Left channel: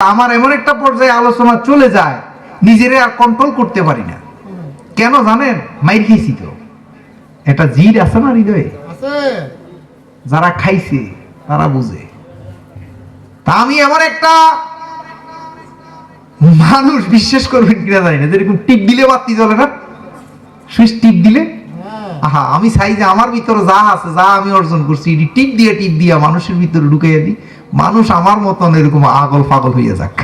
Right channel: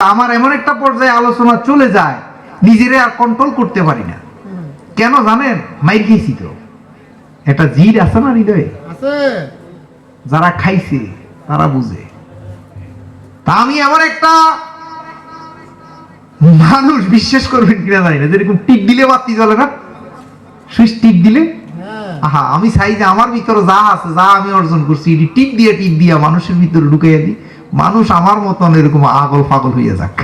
আমার এমন একটা পর্যায়ে আলোচনা চলে যায় নিজেরে আর কন্ট্রোল করতে পারি না। কেন জানেন? মাইর খেয়েছি তো। একটা জিদ আছে না হৃদয়ে? যারা খাইছে তারা বুঝে। তা আমি এমন একটা মানুষ বিশ্বাস করবেন কিনা জানি না। যেরকম টিপ দিলে বাতি জ্বলে না? সুইচ টিপ দিলে? হ্যাঁ। আহা আমি চাই যে আমার ভিতরে যা আছে যা আমি অর্জন করছি টিপ দিয়ে টিপ দিয়া মানুষের ভিতরে ঢুকাইয়া দিই। মানুষ আমার মতন এরকম আগল ফাগল হইয়া যাক।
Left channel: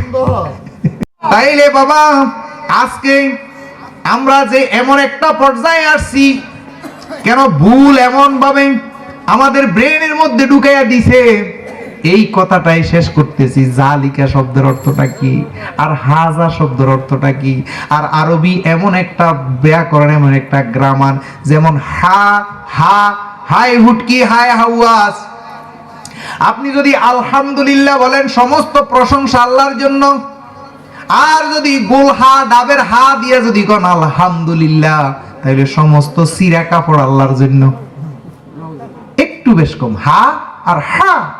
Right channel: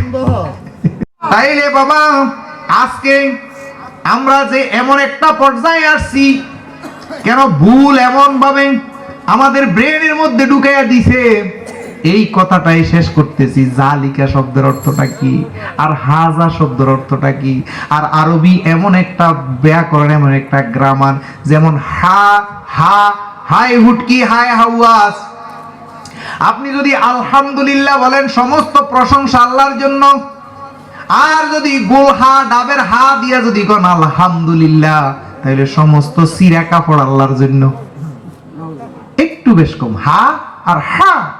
তাইলে বাবা আজকে আমরা যে এমন একটা পর্যায়ে আসছি কেন ভুল এমন ভাবে আমাদের ব্রেনের মধ্যে ঢুকাইয়া দিছে? এই কথাটাই শেষ করতেছি। জালিকা শব্দের অর্থটা কি? আর হাজা শব্দের অর্থটা কি? আর আরবি এমন একটা ব্যাকরণ এমন একটা গ্রামার যেমন হা হা হাই হুটকি হাই হাওয়াস আপনি যদি আলহামদুলিল্লাহ বলেন সমস্ত প্রশংসা আল্লাহর জন্য, আর যদি গোল হা, ডাবের হা দিয়া যদি কোন, আলহামদুলিল্লাহ তাহলে সমস্ত সিরা কাপড় আল্লাহর জন্য। একটু বেশ কম, হা আর হা।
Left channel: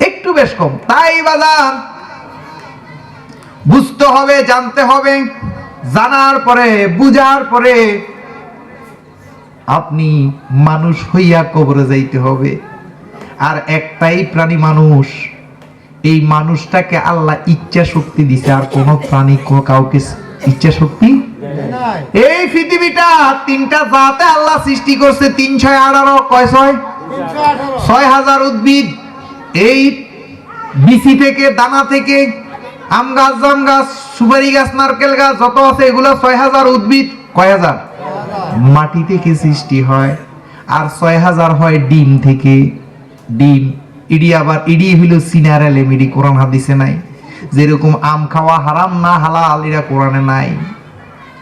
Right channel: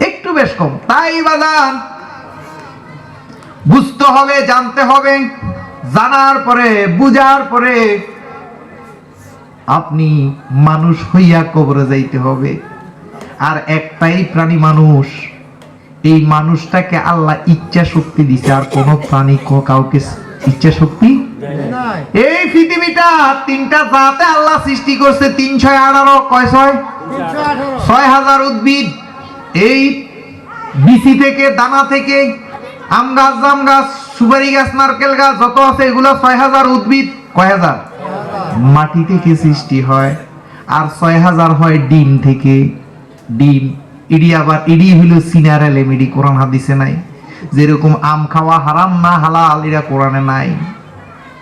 একটু বেশ কম, তাই বাজান। বুঝতে হবে, জানতে হবে, জানার পরে, বুঝার পরে, আপনি মানুষ হইয়া কবরে যাইতে হবে। আর একটাই প্রাণী মানুষ। এই মানুষটাকে আল্লাহ ইচ্ছা শক্তি দিছে আর কোন প্রাণী কাউকে ইচ্ছা শক্তি এই পৃথিবীটা তিনটা জাতে আল্লাহ সৃষ্টি করছে তিন ছয় আঠারো কয় ছয়? ছয় হাজার উদ্ভিদ। এই বিচি থেকে দানা থেকে আম গাছ জাম গাছ সুপারি গাছ নারকেল গাছ যত আছে এগুলো ছয় হাজার উদ্ভিদ। কয় হাজার। মাটি থেকে সৃষ্টি হয় আর ছয় হাজার হয় ডিম থেকে। ডিম ইডি আবার ইডি হইল সিনার এলেম কোরআন হাদিসে নাই। যেরকম আম খাওয়া হারাম না হালাল এরা কোরআনে নাই।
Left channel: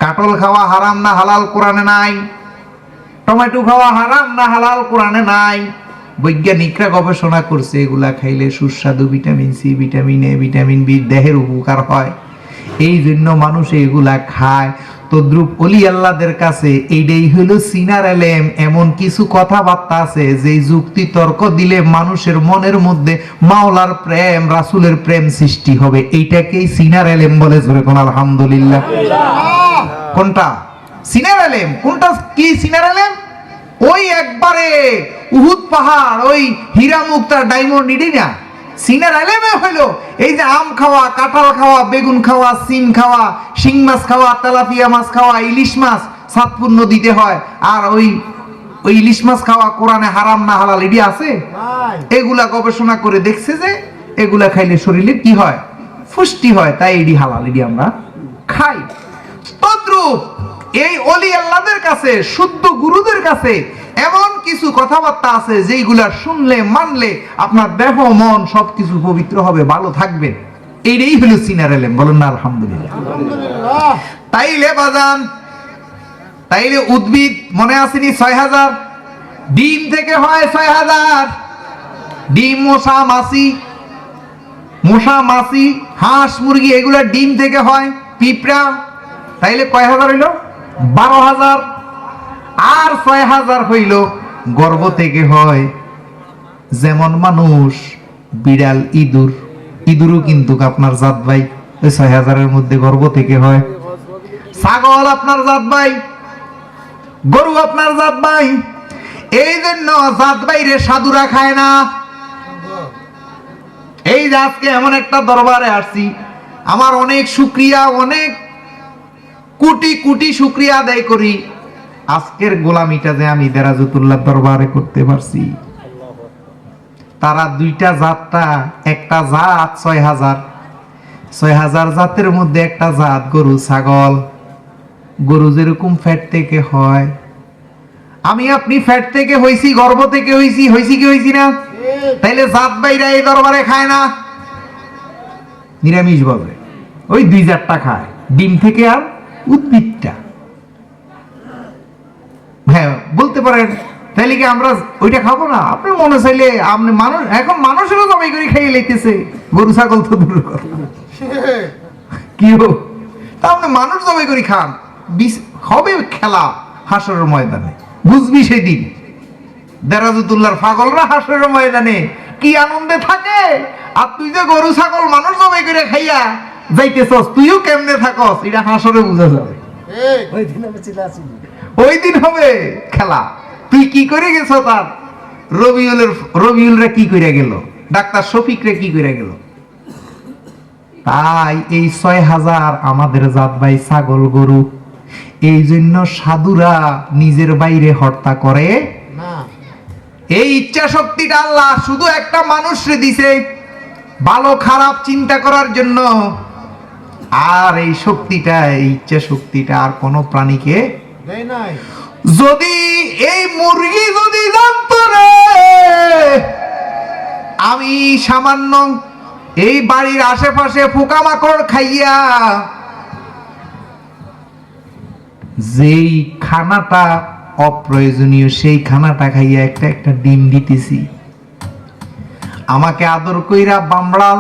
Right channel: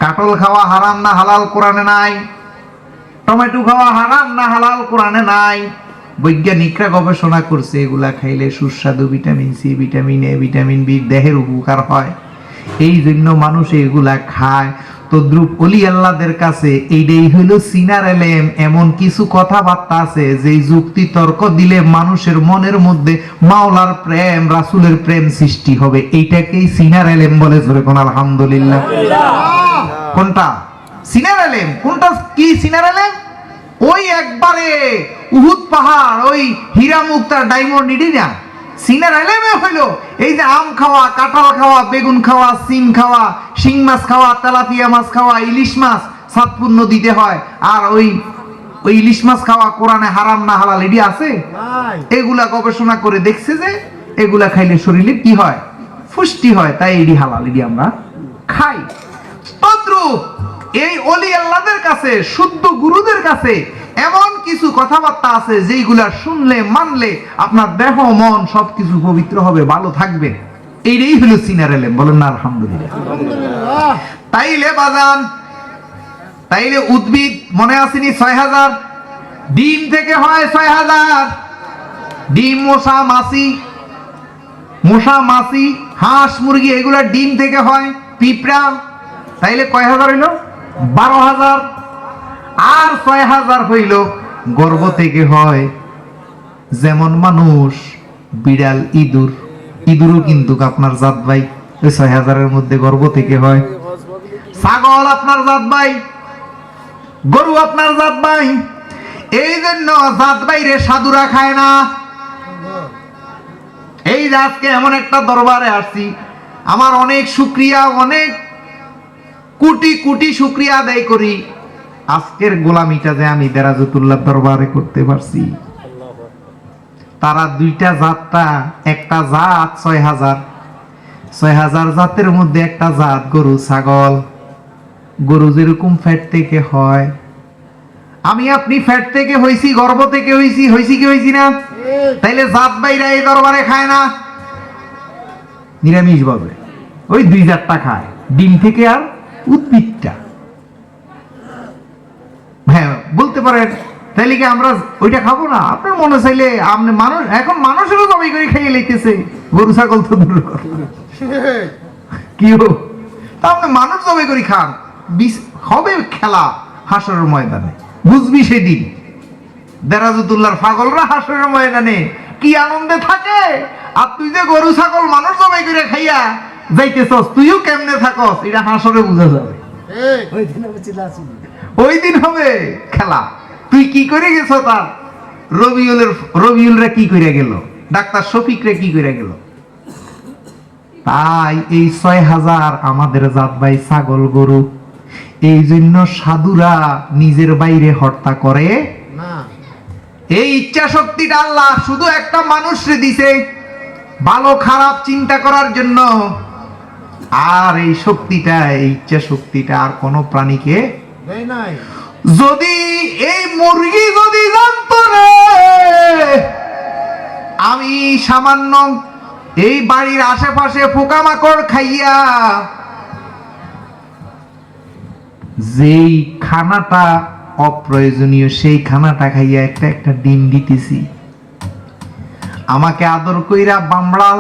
কাটল খাওয়া হারাম না হালাল, কোরআনে নাই। টমেটো খাওয়া হারাম না হালাল, কোরআনে নাই। বৈজ্ঞানিকরা গবেষণা করছে, এগুলা খাইলে সুস্বাদু vitamin C, vitamin A, vitamin B দেহের উপকার হয়। এই জন্য মানুষ এগুলা খায়। তদ্রুপ অলি আল্লাহদের কাছে এইটাই হইল সিনার এলেম, এমন কিছু কথাবার্তা আছে যে যুক্তি তর্ক দিলে মানুষের মনের মধ্যে মাওলার প্রেম, রাসুলের প্রেম সৃষ্টি হবে। এইটাকেই সিনার এলেম বলে ধরে কোন আলহামদুলিল্লাহ। কোনটা? সিনার আলেম কোনটা কি সিনার এলেম? ওই একবারে উহুদ পাহাড়, ওই হীরা মুক্তার ডায়মন্ড নিডি না? সিনার আলেমে হইল। এই যে আম খাওয়া কাঁঠাল খাওয়া বেগুন খাওয়া সিম খাওয়া শিং মাছ খাওয়া তেলাপিয়া মাছ খাওয়া ইলিশ মাছ সাতপুর নদীতে হয়। আর ওই ওই ইলিশ মাছ খাওয়া কোরআনে হারাম না হালাল আছে? এগুলা গবেষণা করে দেখছে যে এগুলা খাইলে শরীরে কি হয়? পুষ্টি হয় তাই এডি হালাল এডি আমরা খাই। তদ্রূপ এই অলি আল্লাহদের কাছে শুদ্ধ গুরুদের কাছে এমন কিছু কথাবার্তা আছে যেইগুলা শুনলে মানলে আপনার দেহ মন সবকিছু পবিত্র হবে ভালো থাকবে। এইটাই হলো সিনার এলেম বলেন না আলহামদুলিল্লাহ। তাইলে বাজান তাইলে উদ্ভিদ মনে আসেনি ছয় হাজার? ডিম থেকে হয় ছয় হাজার। ডিম মশা মাছি মশা মাছি হাঁস মুরগি এগুলা ডিম থেকে হয় পিঁপড়া। তাইলে কয় হাজার হইল? বারো হাজার। আর ছয় হাজার হইল গর্ভ থেকে হয়, যেমন মানুষ বিড়াল, ইঁদুর। ইঁদুরও কিন্তু আপনার জাত ভাই ওই ছয় হাজারের মধ্যে গর্ভ থেকে হয়। ছাগল আপনার জাত ভাই, গরু আপনার জাত ভাই, এই জন্য জাত বাইরে সাধুরা খায় না। এই যে আজকে এমন একটা দরবারে আসছি, আমার অনেক শুক্রিয়া অনেক কোটি কোটি শুক্রিয়া আদায় করি। আজকের গোলামিটা যে আমি দেরাজতুল্লাহ দরবারে করতে পারছি। তারা দুইটা জাতটা, একটা জাত ছয় হাজার। ছয় হাজার জাতের মধ্যে একটা জাত গরু, ছাগল। গরু যেরকম ফ্যাট থেকে হয়। আমি আপনি ফ্যাট থেকে হইছি গর্ভ থেকে হইছি হইছি কি হইছি না? তাইলে জাত বাইরা এই দরবারে খায় না। নিরামিষ ভাবে ওই দুই জাতটা খায়। ডিম থেকে আর উদ্ভিদটা। হ্যাঁ বলতে পারেন, তাইলে কি আমরা ওইটা খাব না? আপনি মনে চাইলে আপনি মানুষ এখন মানুষেরও জবাই করে খাইয়ে লাইতেছে। গরু, ছাগল তো দূর। কি আপনি মানুষ জবাই করে খান। হবে খেলা হাসরের ময়দানে। বুঝবি সেদিন। দেরাজুতুল্লাহর পাগলরা হাসরের ময়দানে কি আনন্দে থাকে? আর তুই যে গরু, ছাগল মানুষ জবাই করে খাইয়া যাইতেছস, তুইও কেমনে থাকস? এটা হাসরে বুঝা যাবে। এই ওই দিন হবে খেলা। তুই কি করে গেছ তার? রবিউলের রবিউলরা কি করে গেল? ডাক্তার শফিকরে কি করে গেল? তাই এই ছয় হাজার আমাদের জাত ভাই ছাগল গরু এই জন্য সাধুরা নিজের বাইরে হত্যা করে। না। এই ইচ্ছা শক্তিটা আল্লাহ শুধু একটা মানুষরে দিছে ভালো খারাপ চিন্তা করার জন্য। আর এই শক্তিটা এই ইচ্ছা শক্তিটা আর কোনো প্রাণীকে যদি এই মুরগি যদি জানতো রে, আমি সামান্য এই বাড়ির আশেপাশে পোকামাকড় খাইয়া যেই খানাটা অপ্রয়োজনীয়, সেই খানাটা খাইয়া একটা একটা ডিম দিতেছি। আমাকে আদর কইরা বামড়াল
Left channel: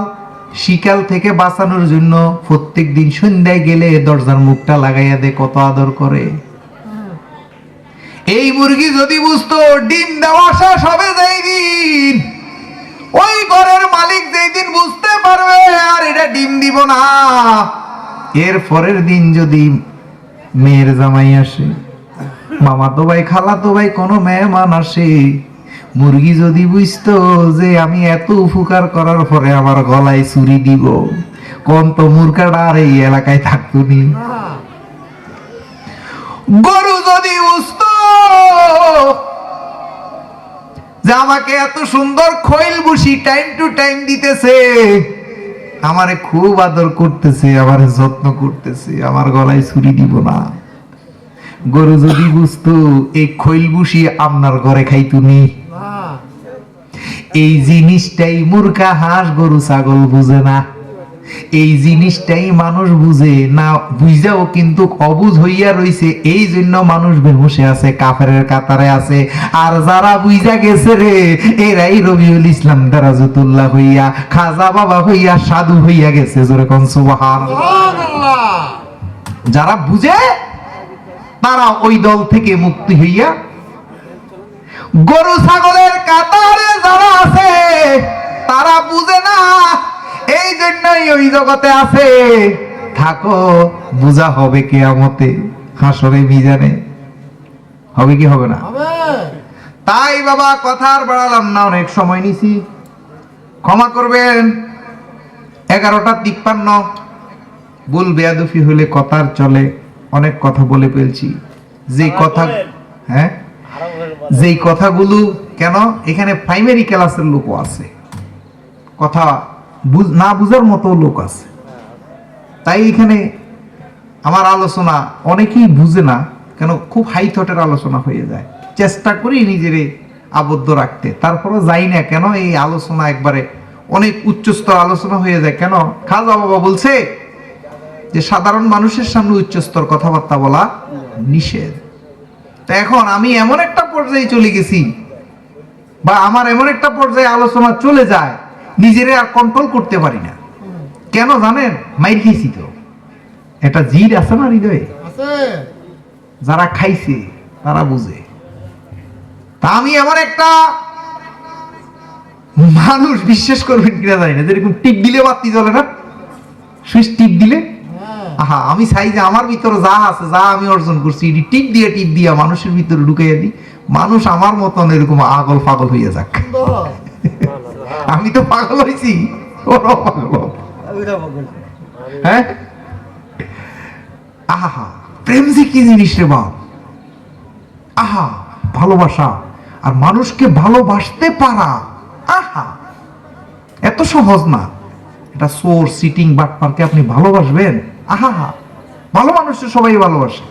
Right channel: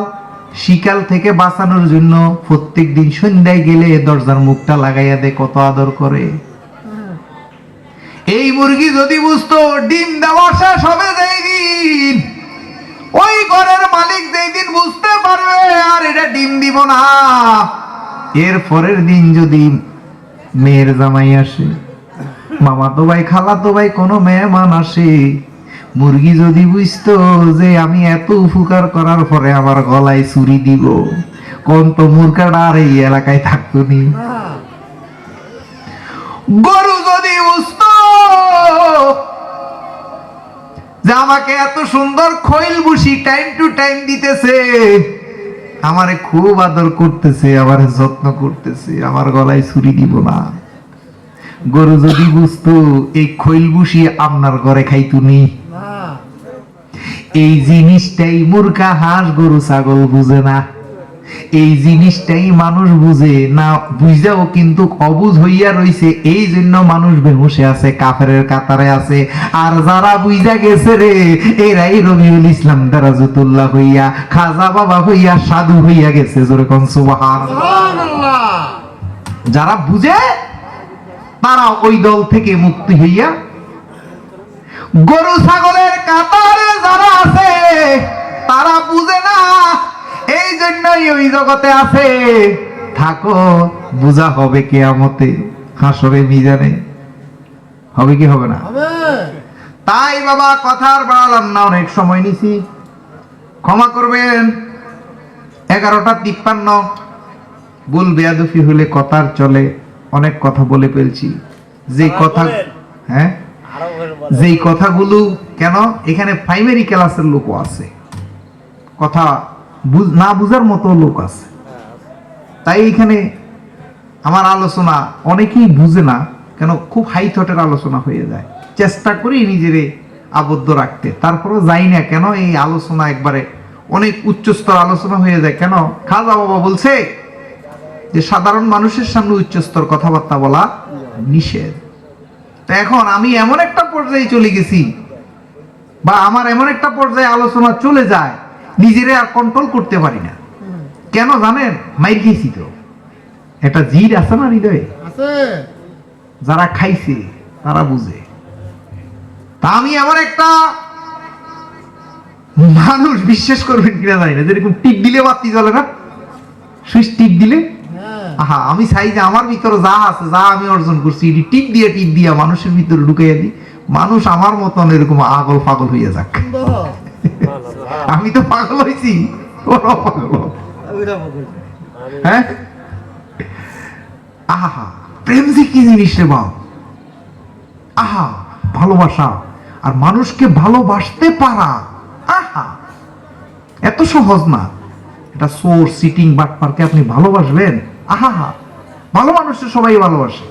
শিকাল থেকে বাঁচানোর জন্য প্রত্যেক দিন সন্ধ্যায় গেলে দরজার মুখটা লাগাইয়া দে, কত আদর করে। এই মুরগি যদি বুঝতো, ডিম দেওয়া শেষ হবে যেই দিন। ওই ঘরের মালিক যেই দিন বুঝতে পারবে, আর এটা ডিম দিব না। এর পরের দিন যদি মেয়ের জামাই আসে, মামা তো ভাই, খালা তো ভাই, কোনো মেহমান আসে, মুরগি যদি বুঝতো যে আমি এত উপকার করার পরে আমার গলায় চুরি দিব কোন তো মুরগাটা আর এই এলাকায় থাকতো নি। গরু যদি যে আমাকে এত সুন্দর খৈল বুসি টাইম টু টাইম দিতেছে। আমারে খুব আদর করতেছে আমার যত্ন করতেছে আমার গলায় ছুরি দিব না। গরু যদি বুঝতো এই খৈল বুসি আপনার ঘরে খাইতুনি তুমি এই জিনিসটাই মুরগা হাঁস গরু ছাগল বুঝে না। এই জিনিসটাই মানুষ বুঝে। না বুঝাও কিন্তু অবুঝ হইয়া রইছে এই জন্য মানুষ বেহুশে আছে কাফেরের কাতারে আছে। আর যারা বুঝা গেছে রে এরাই রবিউল ইসলাম দারাজুতুল্লাহ হইয়া খাজা বাবা হইয়া সাধু হইয়া গেছে যেরকম সুবাহান যারা বুঝে তারা ওই দল থেকে মুক্তি হইয়া গরু ছাগলের কাতারে যারা আছে তারা বুঝে না জন্যই ওই জগতে আছে। থাকো বুঝা হবে কেয়ামতে হাসরে মিজানে। হবে কি হবে না? তাই বাবা কথার বাড়ালাম না অনেক সময় নিছি। ক্ষমা করবেন এগারোটা তিপ্পান্ন। ভুল বেয়াদুফি হলে কথার চলে অনেক কথা বলে ফেলছি। যে কথা হ্যাঁ? যেই কথাগুলো কেন? এখানে প্রাইমারি ক্লাসের লোকও আছে। কথা না বুঝার মতো লোক আছে। তাই এখানে আমার আলোচনা অনেকেই বুঝে না, কেন খুব হাই থটের আলোচনা হয়ে যায়। চেষ্টা করি নিজেরে আবদ্ধ রাখতে। তারপরও যাই না কেন এই আলোচনা একবারে অনেক উচ্চস্তর আলোচনা হয়ে যায়। কেন? খাজা বাবা বলছে যে, সাধারণ মানুষের সামনে উচ্চস্তর কথাবার্তা বলা নিষেধ। তা এখন আমি এমন একটা পর্যায়ে চলে গেছি বা আমার এমন একটা পর্যায়ে আলোচনা চলে যায় নিজেরে আর কন্ট্রোল করতে পারি না। কেন জানেন? মাইর গেছি তো। একটা জিদ আছে না হৃদয়ে? আছে। যারা খাইছে তারা বুঝে। তা আমি এমন একটা মানুষ বিশ্বাস করবেন কিনা জানি না। যেরকম টিপ দিলে বাতি জ্বলে না? সুইচ টিপ দিলে? হ্যাঁ। আহা আমি চাই যে আমার ভিতরে যা আছে যা আমি অর্জন করছি এটি টিপ দিয়ে টিপ দিয়া মানুষের ভিতরে ঢুকাইয়া দিই। মানুষ আমার মতন এরকম আগল ফাগল হইয়া যাক। আমি তো পাগল হয়েছি। পাগল। হ্যাঁ? আহা প্রেম যে কি জিনিস রে বাপ? আহা ভালোবাসা। আর মানুষকে ভালোবাসতে পারা। আহা এত সহজ না। এটা সোর সিটিং বাটপারকে আপনি ভালোবাসবেন? আহা ভালো মানুষের সবাই ভালোবাসে।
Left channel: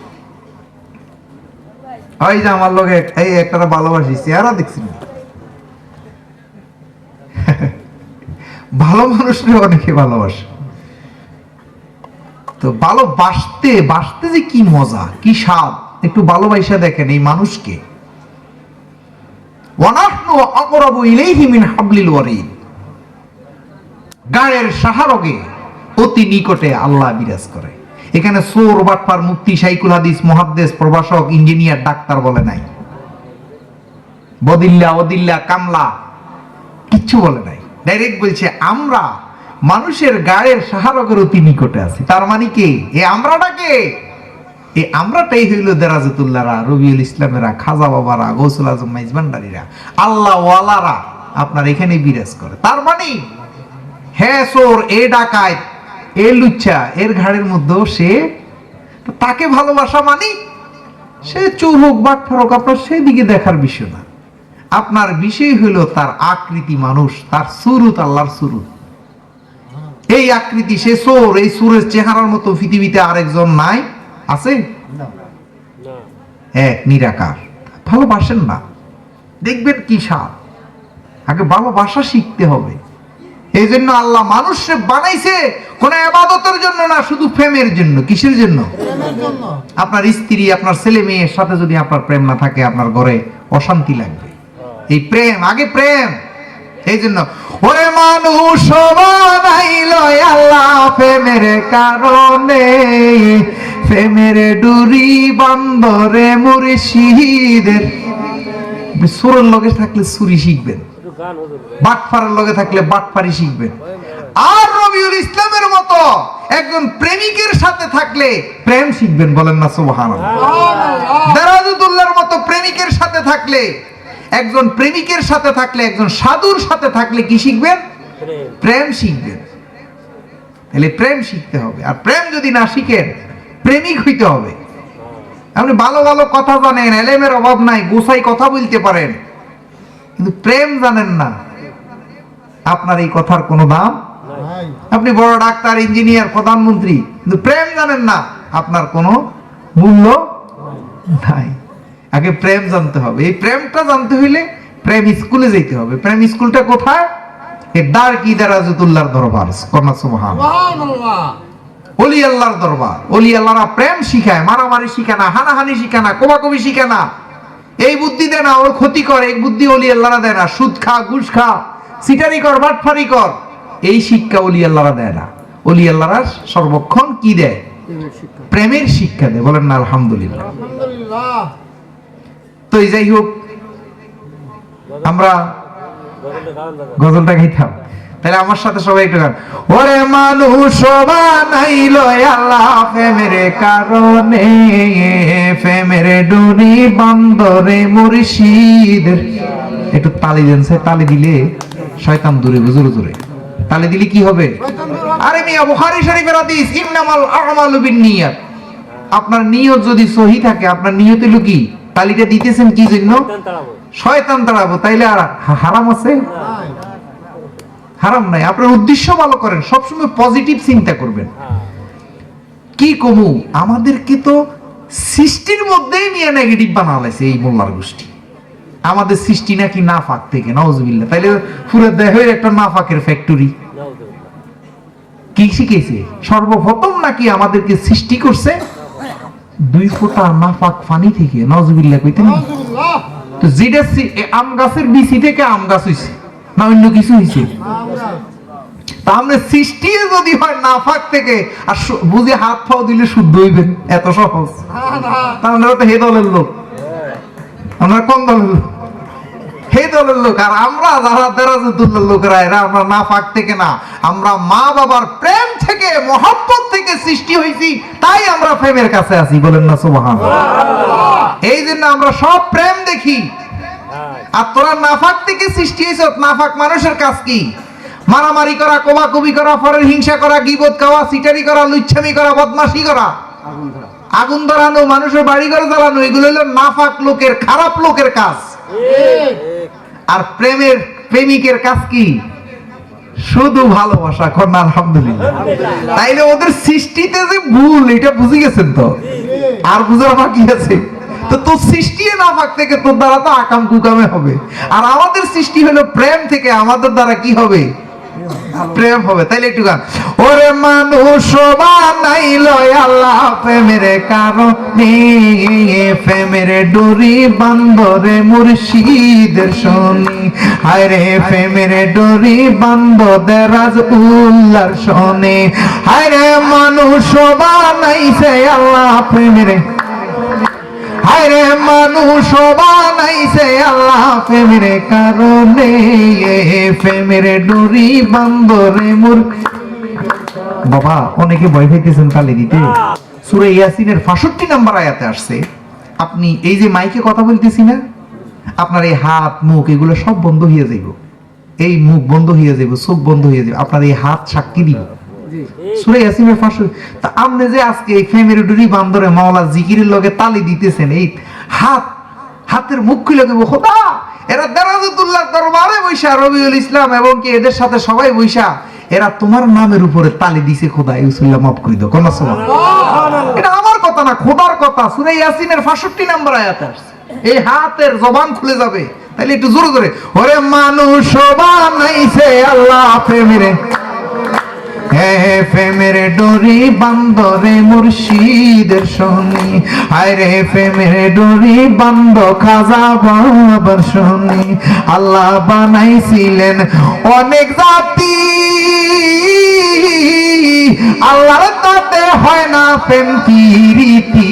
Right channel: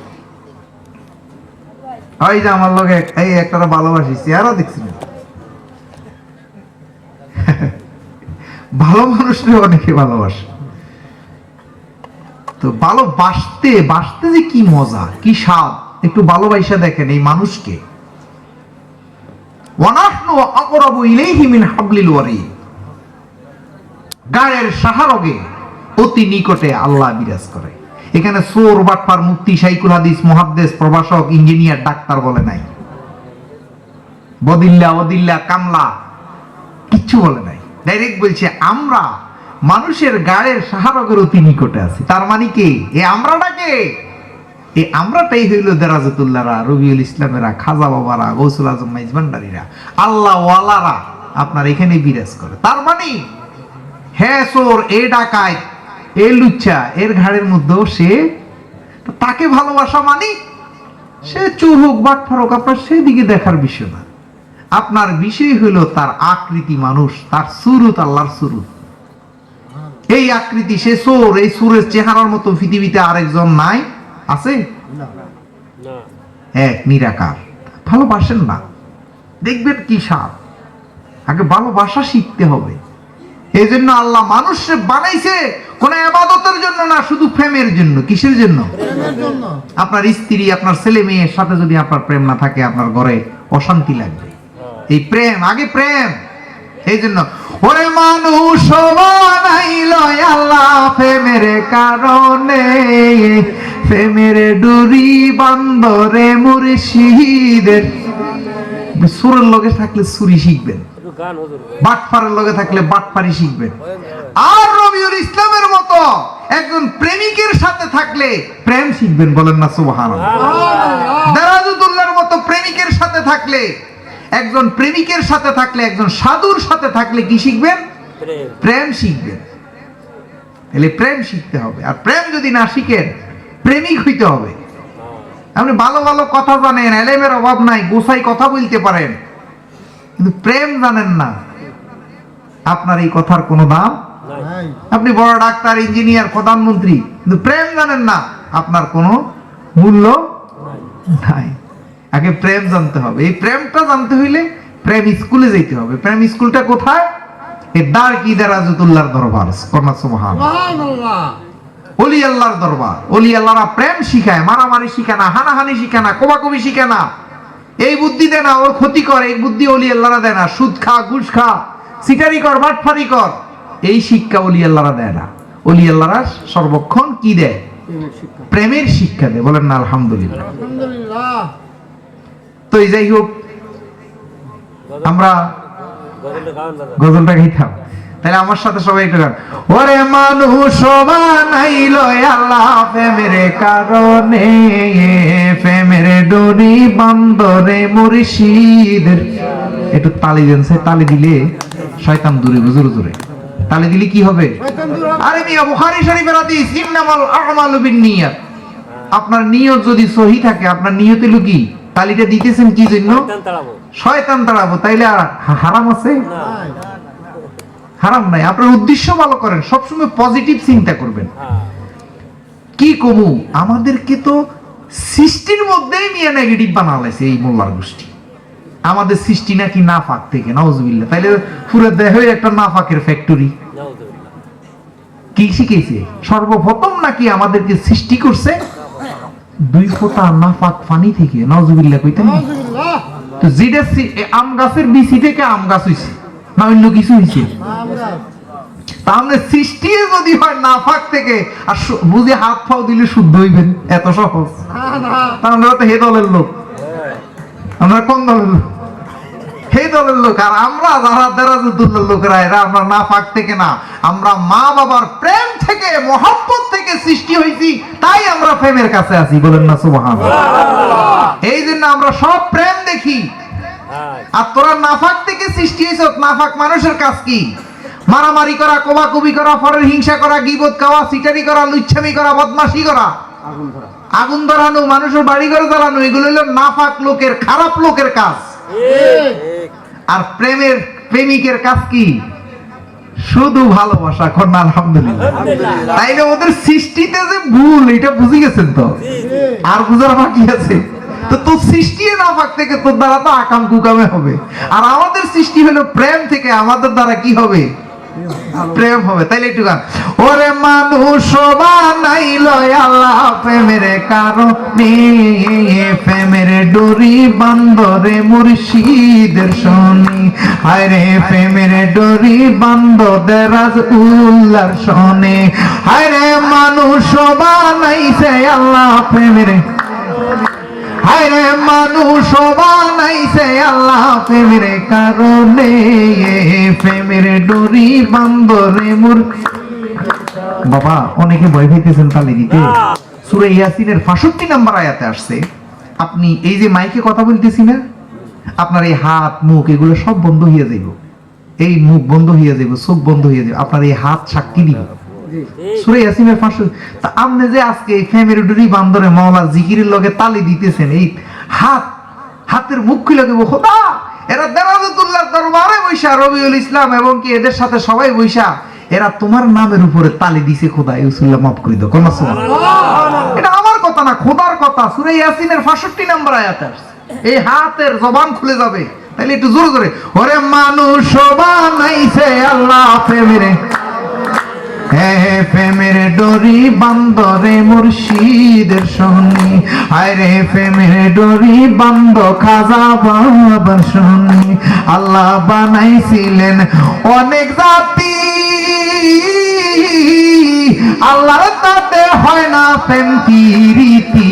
ওই যে আমার লগে এই একটা ভালোবাসি চেহারা দেখছি না। ভালো মানুষকে অনেকে ভালোবাসে। তো ভালোবাসতে, বাসতে যে কি মজা, কি স্বাদ? একটু ভালোবাসা দেখেন এই মানুষকে। মিন গায়ের সাহারগে অতি নিকটে আল্লাহ বিরাজ করে। এখানে সোর মুক্তি সাইকুল হাদিস, মুহাদ্দেস, প্রভাষক, ইঞ্জিনিয়ার, ডাক্তার বলে নাই। বদিল্লা অদিল্লা কামলা, কিচ্ছু বলে নাই। ডাইরেক্ট বলছে, আমরা মানুষের গায়ের সাহারগের অতি নিকটে আছি। তার মানে কি? এ আমরাটা কে? এই আমরাটাই হইল দেরাজতুল্লাহরা, রবিউল ইসলামেরা, খাজা বাবারা, গৌসুল আজম মাইজবান্ডারিরা আল্লাহ ওয়ালারা আপনার এখানে বিরাজ করে। তার মানে হ্যাঁ সোর এ ডাকায় এ লুচ্চা, এর ঘাড়ের মধ্যেও সে তাকে ভালোবাসা মানে সে চোর হোক, বাক ফরক, আপনার সেদিকে দেখার বিষয় না। আপনার বিষয় হইল তার আকৃতি মানুষ তার সুরুত আল্লাহর সুরুত। এই আকৃতি সে সোর এই সুরের চেহারার মতো পৃথিবীতে আরেকজন নাই আছে? এক নিরাকার। ভালোবাসেন না। দেখবেন কি স্বাদ? আগে ভালোবাসা শিখতে হবে। এই জন্য আল্লাহ মানুষকে বানাইছে কোন আবাদতের জন্য না শুধু প্রেমের জন্য। কিসের জন্য? জন্য। আপনার স্ত্রী আপনার ছেলে মেয়ের সাথে যদি আপনার প্রেম না থাকে আপনার ঘরে অশান্তি লাগবে এই প্রেম আগে প্রেম। এই জন্য ওরে মানুষ বানাইল আল্লাহ প্রেমের কারণে। প্রেমের ডুরি বান্দরে মুর্শিদের। সুরের লগে থাকলে সুরি শিখবেন। বাটপারের লগে থাকলে বাটপারি শিখবেন। আর রবিউল ইসলামের মতো একজন প্রেমিকের সাথে থাকলে প্রেম শিখবেন বলেন না সুবহানাল্লাহ। দেরাজুদুল্লাহর মতো প্রেমিকের সাথে থাকলে একজন প্রেমিকের সাথে থাকলে একজন সাধুর সাথে থাকলে কি শিখবেন? প্রেম। শিখবেন। তাহলে প্রেম শিখতে হবে। আর প্রেম যদি না শিখেন প্রেমিক হইতে হবে। আপনি ভালো ভালো কথা জানেন এলেমের অভাব নাই গোসাই কথা বলতে পারেন। কিন্তু প্রেম জানেন না আপনার এই কথার কোনো দাম আপনি বড় ডাক্তার ইঞ্জিনিয়ার প্রধানমন্ত্রী কিন্তু প্রেম জানেন না আপনার কোনো মূল্য নাই। আগে প্রেম জানতে হবে। এই প্রেমটা জানতে হইলে প্রেম স্কুলে যেতে হবে। প্রেম স্কুলটা কোথায়? দার কি দারাজুতুল্লাহর দরবার? কন্যা সুবহান। সুবহানাল্লাহ। অলি আল্লাহর দরবার। অলি আল্লাহরা প্রেম শিখায় মারামারি শিখায় না হানাহানি শিখায় না কোবাকবি শিখায় না। এই বুদ্ধি দেয় না ওর ক্ষতি কর এই বুদ্ধি অলি আল্লাহরা দেয় না। সুদ খা ঘুষ খা সিটারি কর বাটফারি কর। এই শিক্ষা অলি আল্লাহরা দেয় না। অলি আল্লাহরা সর্বক্ষণ কি দেয়? প্রেমের শিক্ষা। দেয়। বলেন না আলহামদুলিল্লাহ। তো এই যাই হোক, আমরা গজলটা গাইতাম। তাহলে আমার সাথে সবাই একটু গান। ওরে মানুষ বানাইল আল্লাহ প্রেমের কারণে। প্রেমের ডরি বান্দরে মুর্শিদের। একটু তালি দেন সে, তালি দিলে শয়তান দূরে জোরে জোরে তালি দিলে কি হবে? দূর। আরে মিয়া, বুখারী শরীফের হাদিস, ইন্নামাল আমালু বিন্নিয়াত আপনার নিয়ত যদি সহি থাকে, আপনার নিয়ত হলো কি তালিটা দিতেছেন কি জন্য? শয়তান তাড়াবো তাইলে হারাম আছে? হারাম নাই। আপনার উদ্দেশ্য ভালো করেন সবসময় পজিটিভ চিন্তা করবেন। কি কমু? আমাদেরকে তো সৃষ্টির মধ্যেই নিয়ে নেগেটিভ বানালাইছে এই মোল্লার গোষ্ঠী। আমাদের সৃষ্টি নাকি নাফাক থেকে নওয়াজবিল্লাহ তাইলে পুরো দেহ একটা নাফাকের ফ্যাক্টরি কি শিখেছে? সর্বপ্রথম নাকি আমাদেরকে সৃষ্টি করছে? দুই ফোঁটা নাফাক পানি থেকে কইতেন তো যেটা আম গাছের বিচি থেকে আম গাছ হইছে না অন্য কিছু হইছে? তাহলে সৃষ্টি যদি হয় নাফাক থেকে আর বুঝে হাত ফাও দিলে শুদ্ধ হইবেন এত সহজ। না না তা আমরা তো হে দলের লোক। আমরা কোন দলের লোক? হে দলের লোক আর আমরা যারা দেরাজুদ্দুল্লার লোকেরা এরা আমরা নাফাক থেকে না আমরা মা বাবার প্রেম থেকে মহব্বত থেকে সৃষ্টি হয়েছি তাই আমরা প্রেমের কাছে আছি বলেন না সুবহান এই জন্য আমরা সব প্রেম দেখি। আর তোরা নাফাক থেকে সৃষ্টি হয়েছ নাফাক মানুষের কাজ কি? মারামারি করা কোবাকুবি করা পরের হিংসা করা গিবত খাওয়া সিটারি করা লুচ্ছামি করা বদমাশি করা। আগুন আগুন ধরানো মানুষের বাড়ি ঘর জ্বালানো এগুলো হলো নাফাক লোকের খারাপ লোকের কাজ। আর প্রেমের প্রেমিকের কাজ কি? শুধু ভালোবাসা কন্যা আলহামদুলিল্লাহ। তাইলে ওদের সৃষ্টিতে যে ভুল এটা বুঝে গেছেন তো? আর বুঝার বাকি আছে। তো তোর সৃষ্টি না থেকে তোর দ্বারা তো আকাম কুকামে হবে। আর আমাদের সৃষ্টি হলো প্রেম থেকে আমাদের দ্বারা কি হবে? প্রেম হবে। তাইলে একটু গান। ওরে মানুষ বানাইল প্রেমের কারণে প্রেমের ডোরি বান্দরে মুর্শিদের শনি। হায় রে প্রেমের ডোরি বান্দরে রাজ উল্লার শনি। হায় রে মানুষ বানাইছে আল্লাহ প্রেমের। হায় রে মানুষ বানাইছে আল্লাহ প্রেমের কারণে প্রেমের ডরি বান্দরে মুর বাবা, অনেকে ভয় পাইতেছেন তালে দিতে সুরে ইয়াসিনের 65 নাম্বার আয়াতে আসছে আপনি এই যে মাইকে কথা বলতেছি না আপনার এই হাত মুখ এগুলো সব বন্ধ হয়ে যাইব। এই মুখ বন্ধ হয়ে যাইব চোখ বন্ধ হয়ে যাবে আপনার এই হাত সাক্ষী দিব। সুরে ইয়াসিনের ফাঁসু তা আপনি যে আজকে এই ডুরি বান্দরে মাওলা জিকিরের লগে তালি দিতেছেন এই হাত হাতের মুখ খুলে দেবো খোদা! এরা দেরাজতুল্লাহ দরবারে বৈশা রবিউল ইসলাম এবং কি এদের সাথে সবাই বৈশা এরা তোমার নামের উপরে তালি দিছে খোদা ইউসুল্লাহ মাফ করে দাও কোন আমার কথা না, খোদার কথা। সুরে ইয়াসিনের 65 নম্বর আয়াত এই হাতের জবান খুলে যাবে। তাহলে একটু জোরে জোরে। ওরে মানুষ বানাইছে আল্লাহ প্রেমেরে। ডরি, বান্দরে মুর্শিদের আরে ডরি, বান্দ খাজা বাবার আল্লাহ বানাইছিলেন অনেক জাতি। না প্রেম কি রীতি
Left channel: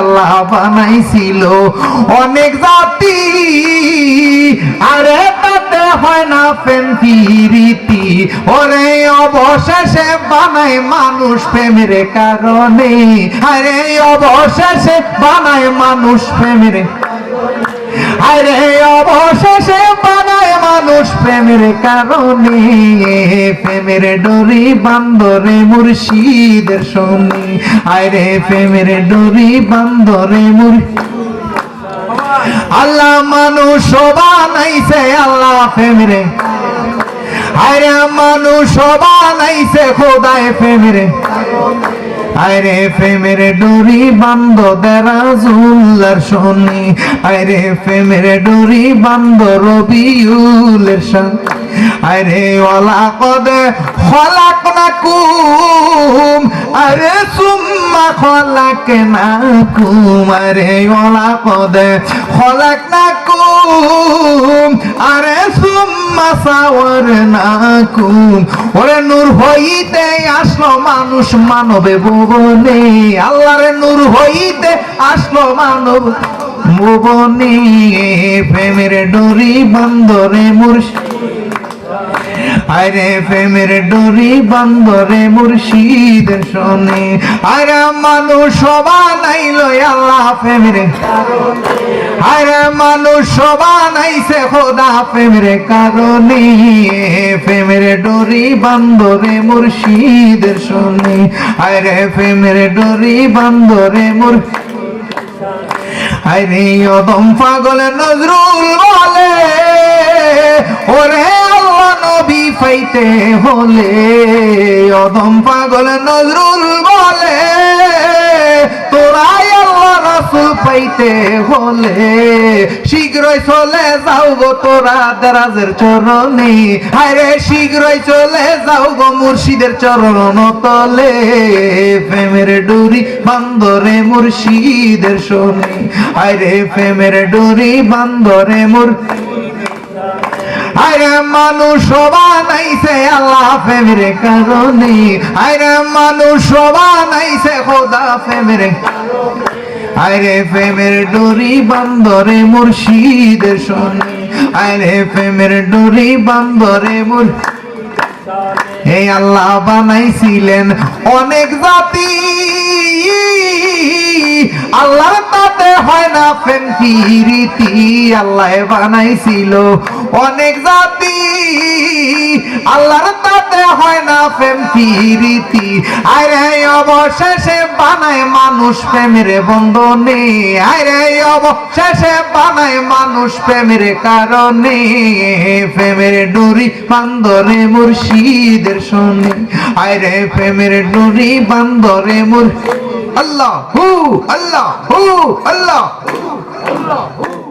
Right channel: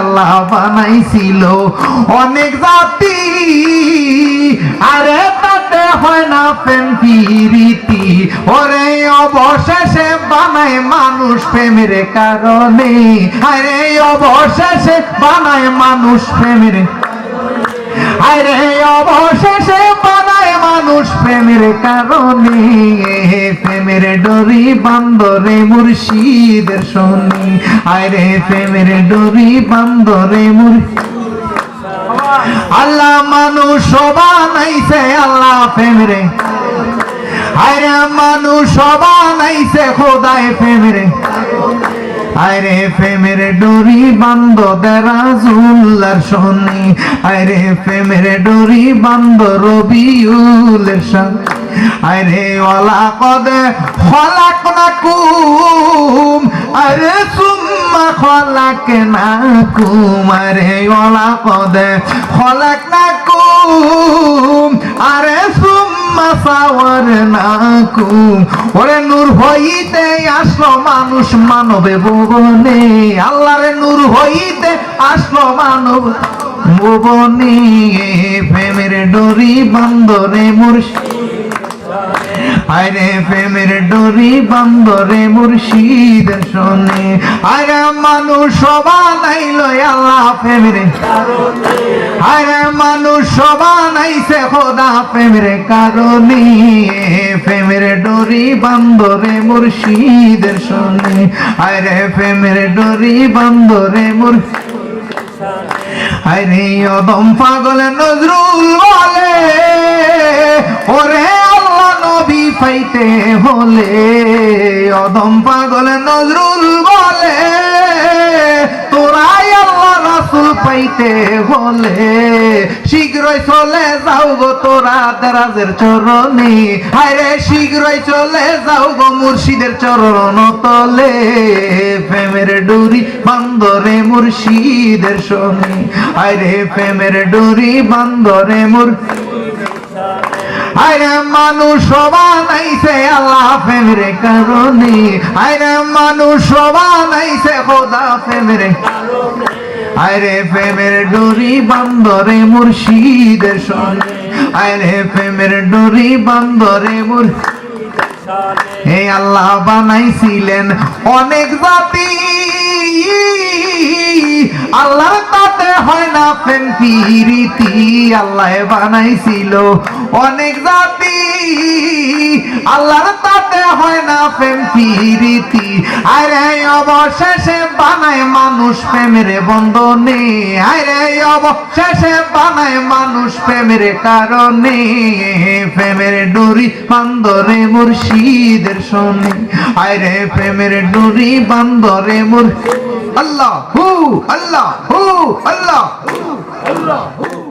আল্লাহ বানাইছিল। অনেক জাতি, আরে তাতে হয় না প্রেম কি রীতি ওরে অবশেষে বানায় মানুষ প্রেমের কারণে। আরে অবশেষে বানায় মানুষ প্রেমের আরে অবশেষে মানুষ প্রেমের কারণে প্রেমের ডরি বান্দরে মুর্শিদের শনি। আরে প্রেমের ডরি বান্দরে মুর আল্লাহ মানুষ বানাইছে আল্লাহ প্রেমেরে। আরে মানুষ বানাইছে খোদায় প্রেমেরে। আরে প্রেমের ডোরি বান্দ দেরাজুল্লার শনি। আরে প্রেমের ডোরি বান্দ রবিউলের শন। আরে ওলা কদে খলাক না কুম আরে সুম্মা খলাক না কুম আরে ওলা কদে খলাক না কুম আরে সুম্মা সাওয়ার না কুম ওরে নূর হইতে আসলো মানুষ মানবে ভুবনে। আল্লাহর নূর হইতে আসলো মানব ভুবনে। প্রেমের ডোরি বন্দরে মুর্শিদ। আরে প্রেমের ডোরি বন্দরে মুর্শিদ শোনে। আরে মানুষ বানাইল আল্লাহ প্রেমের মানুষ বানাইছে খোদা প্রেমের কারণে। প্রেমের ডোরি বন্দরে মুর্শিদ শোনে। আরে প্রেমের ডোরি বন্দরে মুর্শিদ আরে অদম পাগল নজরুল বলে, ওরে আল্লাহ নবী পাইতে হলে। অদম পাগল নজরুল বলে, তোরাই রাসুল পাইতে হলে শীঘ্রই চলে যাও গো তোরা দেরাজের চরণে। আরে শীঘ্রই চলে যাও গো মুর্শিদের চরণ তলে। প্রেমের ডুরি বান্দরে মুর্শিদের শোনে। আরে প্রেমের ডুরি বান্দরে মুর আরে মানুষ বানাইছে আল্লাহ প্রেমের কারণে। আরে মানুষ বানাইছে খোদা প্রেমের আরে প্রেমের ডোরি বান্দরে মুর্শিদের শোনে আরে প্রেমের ডোরি বান্দরে মুর হে আল্লাহ বানাইছিলেন অনেক জাতি। আল্লাহ তাতে হয় না প্রেম রীতি। আল্লাহ বানাইছিল অনেক জাতি আল্লাহর তাতে হয় না প্রেম কি রীতি আরে অবশেষে বানায় মানুষ প্রেমের বন্ধনে। আরে অবশেষে বানায় মানুষ প্রেমের কারণে। প্রেমের ডুরি বান্দরে মুর্শিদের শোনে আরে প্রেমের ডুরি বান্দরে মুর আল্লাহ হু আল্লাহ হু আল্লাহ। হু, আল্লাহ হু